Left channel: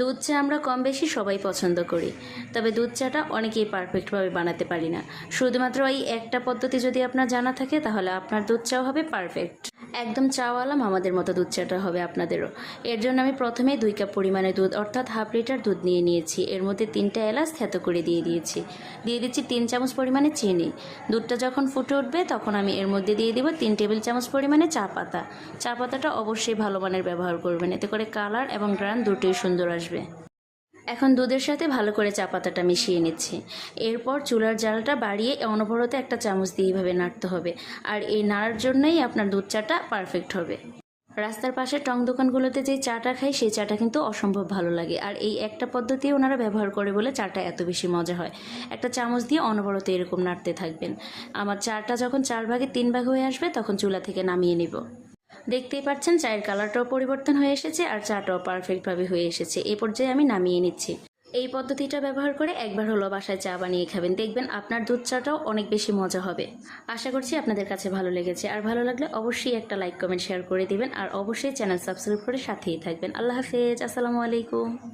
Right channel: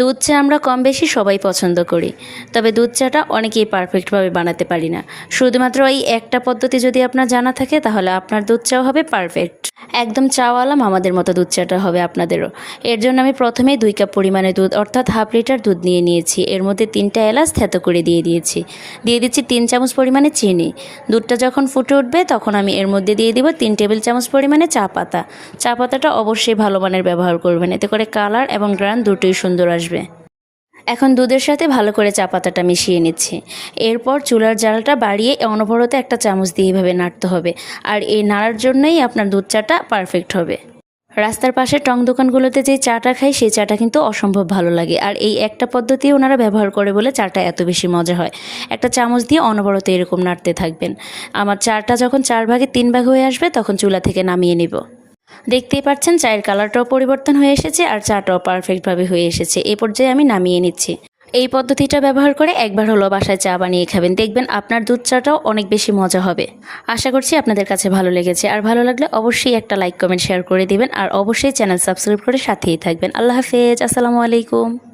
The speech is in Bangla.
দুধ চা আমরা কম বেশি সবাই পছন্দ করি, তবে দুধ চাটা অনেকেই পারফেক্টভাবে বানাতে পারি না। শুধুমাত্র এই একটা পদ্ধতি যদি আপনার জানা থাকে, তাহলে আপনার দুধ চাও হবে পারফেক্ট একদম চাওয়ালাম আমাদের মতো দুধ চাটা হবে আপনাদেরও। এর জন্য আমি প্রথমেই দুই কাপ পরিমাণে দুধ, অর্থাৎ হাফ লিটার দুধ নিয়ে নিয়েছি। এর মধ্যে তিনটা এলাচ থেতো করে দিয়ে দিয়েছি। দিয়ে দিচ্ছি তিন চামচ পরিমাণে চিনি। দুধটা যখন ফুটে উঠবে, তখন আমি এর মধ্যে দিয়ে দিব তিন টেবিল চামচ পরিমাণে চা পাতা। চা পাতাটা অবশ্যই ভালো মানের ব্যবহার করবেন। এতে করে কালার এবং গ্রান দুটোই সুন্দর আসবে। এখন দুধের সাথে ভালো করে চা পাতাটা মিশিয়ে নিচ্ছি। এরপর চুলার জালটা বাড়িয়ে অনবরত একটা চামচ দিয়ে এভাবে নাড়তে হবে। আর এই নাড়ার জন্যই আপনার দুধ চাটা পারফেক্ট হবে। রাস্তার পাশে টং দোকানগুলোতে যে চাটা খাই, সেই চাটা কিন্তু অসম্ভব ভালো লাগে। আর এই একটা পদ্ধতি ওনারা ব্যবহার করে বলে চাটা এত বেশি মজা হয়। একটা চামচ দিয়ে অনবরত এরকম নাড়তে থাকবেন। আমার চাটা যখন চার ভাগে তিন ভাগ হয়ে আসবে, তখন চুলা থেকে নামিয়ে নিব। দেখতেই পাচ্ছেন, চায়ের কালারটাও পরিবর্তন হয়ে এসেছে আর চাটাও পারফেক্টভাবে হয়ে এসেছে। এই পর্যায়ে আমি নামিয়ে নিচ্ছি। এই পদ্ধতিটা ব্যবহার করে একবার হলো বাসায় চা বানিয়ে খাবেন। দেখবেন আপনার দুধ চাটাও অনেক বেশি মজা হবে। আশা করছি আপনাদের কাছে ভালো লেগেছে। আর ভালো লাগলে অবশ্যই একটা লাইক কমেন্ট শেয়ার করে দিবেন। আর অবশ্যই চ্যানেল সাবস্ক্রাইব করে সাথেই থাকবেন। আল্লাহ হাফেজ। আসসালামু আলাইকুম।